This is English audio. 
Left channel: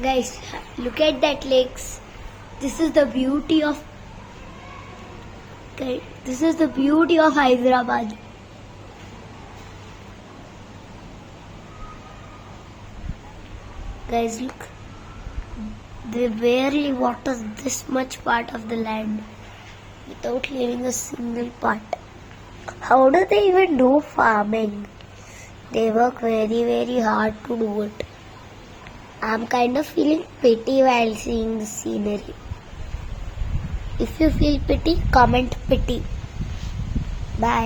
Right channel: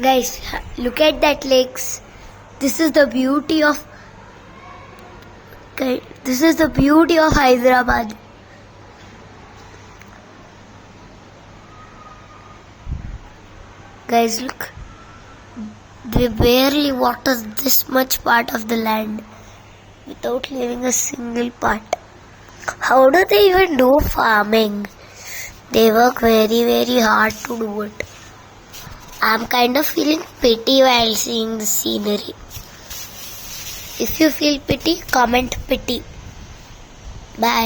Guys, look at that lakes. This is the beauty of Hyderabad. Guys, look. They barely water this much part of the land without leaving a single part. How do they even do farming? They work very, very hard to do it. I'm kind of feeling pity while seeing the scenery. If you feel pity, comment pity. Bye.